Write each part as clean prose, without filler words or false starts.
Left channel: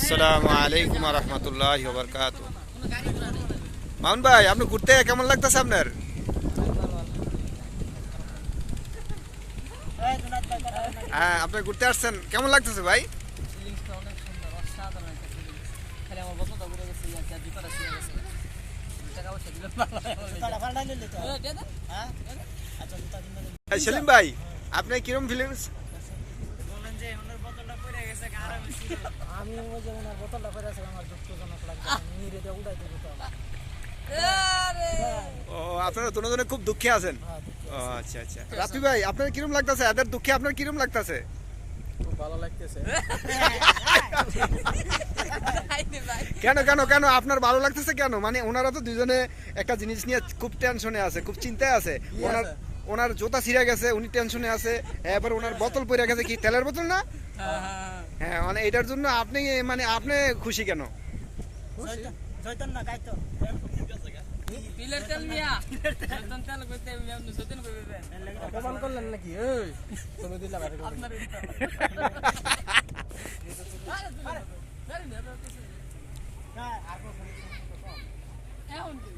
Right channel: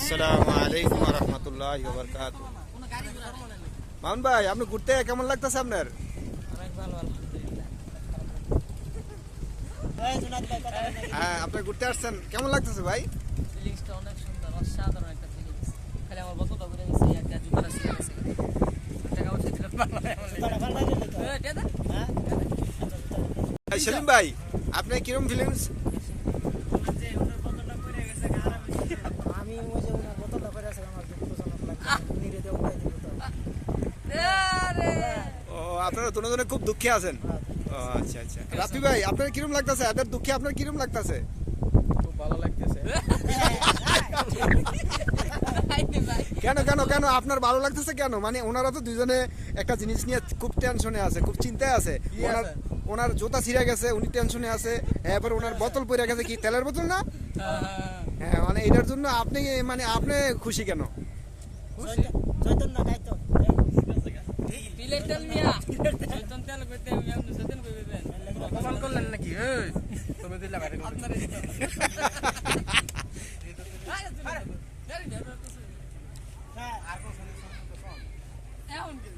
আসসালামু আলাইকুম রহমতুল্লাহি ওয়া বারাকাতুহু। মামুন ভাই, আপনি ঘুরতে কেমন লাগতেছে আপনার? হ্যাঁ, আপনি ঘুরতে আসছেন, কেমন লাগতেছে ভাই? ফিলিংসটা অনেক সুন্দর, অসাধারণ একটা ফিলিংস। খালি আমার বন্ধুটা ঘুরে গেছে আর কি, ডিফারেন্স আছে। টাকা পয়সা দিলে পারলাম এমন লেগে। সেলিম ভাই, আপনি কিরকম ফিলিংস? আমি ওই যে ওনার বোতলটা করে আছে আমার দুঃখজনক লাগছে আমি নিয়ে দিয়ে উঠাই দিব তো ও, আপনারা দুজনে খুব দুঃখে আছেন। ও আচ্ছা আচ্ছা। রাফি ভাই, আপনার কিরকম লাগতেছে? এদের দুঃখে আপনার কিরকম লাগতেছে? খুব ভালো লাগতেছে কেন কেন কেন আপনার ভালো লাগতেছে কেন? মানে ওনারা তো দুজনে একটা জিনিস নিয়ে খুব টেনশনে আছে, খুব চিন্তায় আছে। ওনার জুতা ছিঁড়ে গেছে, উনি টেনশনে আছে। এবার ওনার বোতল পড়ে গেছে, কি তেলের বোতল না? হ্যাঁ, মানে এটার জন্য আপনি মানে আপনি খুশি কেন? চৈতন্য দায়িত্ব তিলের তেল মিয়া, চৈতন্য তেল কইতে মিয়া চৈতন্য কইবেন। অপমান করলেন নাকি এই তুমি দিলা বাইরে আপনারা দিতে এখন কি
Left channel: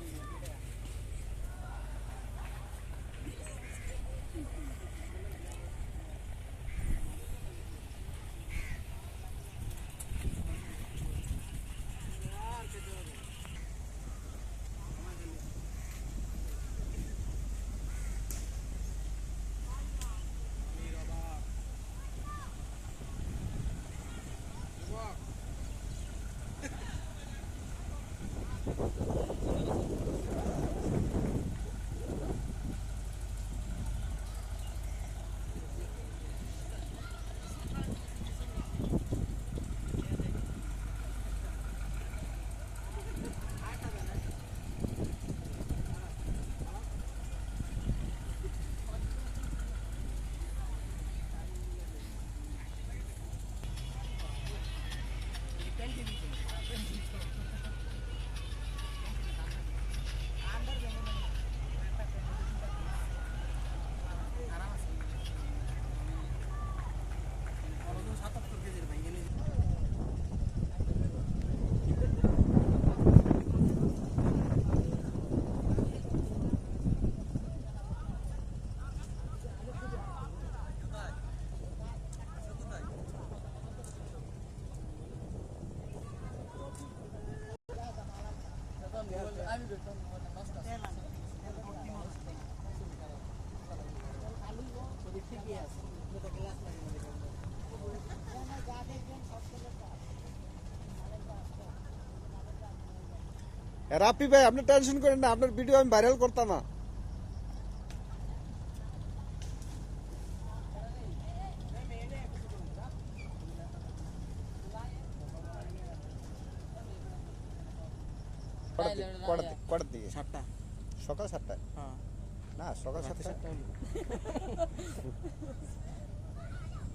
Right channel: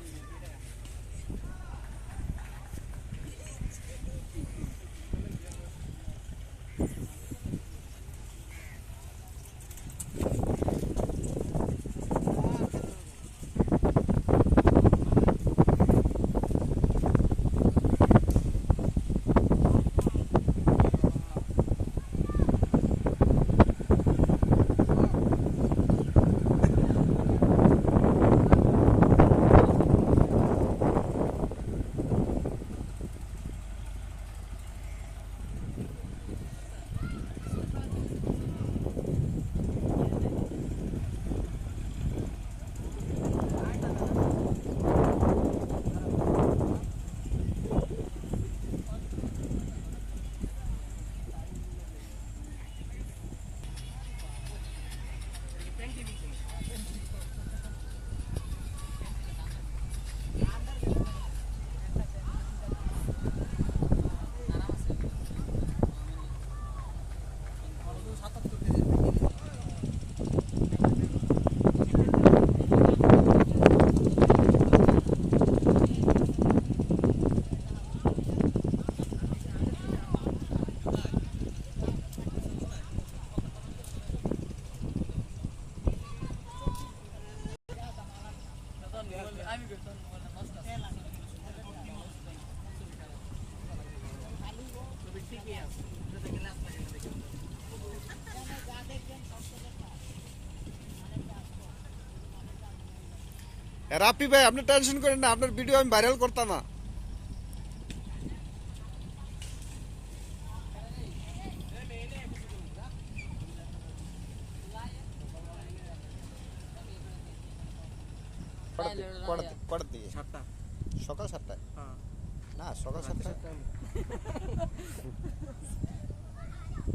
আমি করতাম বলে নষ্ট ছবি ঠিকই আছে, যদি গ্লাস লাগে না দেখুন। রাফি ভাই, আপনি টেনশন করেন না, আপনার ভিডিও আমি ভাইরাল করতাম না। কটার দিকে? 7টা সকাল 7টায়? হ্যাঁ না, সকাল 7টায়।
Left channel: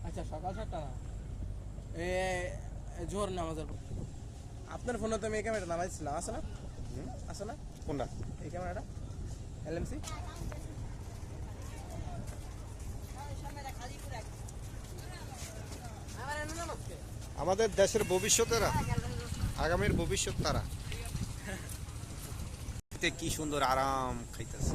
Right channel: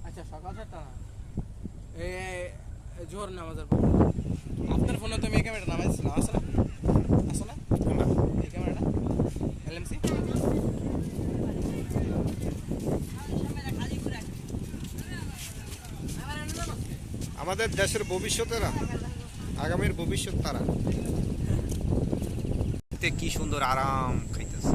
আচ্ছা সকাল 7টা এই জোহর নামাজের পর আপনার ফোনে তো আমি এই ক্যামেরাটা নামাইছিলাম, আছে না? আছে না কোনটা? এই ক্যামেরাটা এলএমসি আমাদের দেশের ভবিষ্যতেরা, আগামীর ভবিষ্যৎ তারা। কি সুন্দর আরাম খাইতেছে।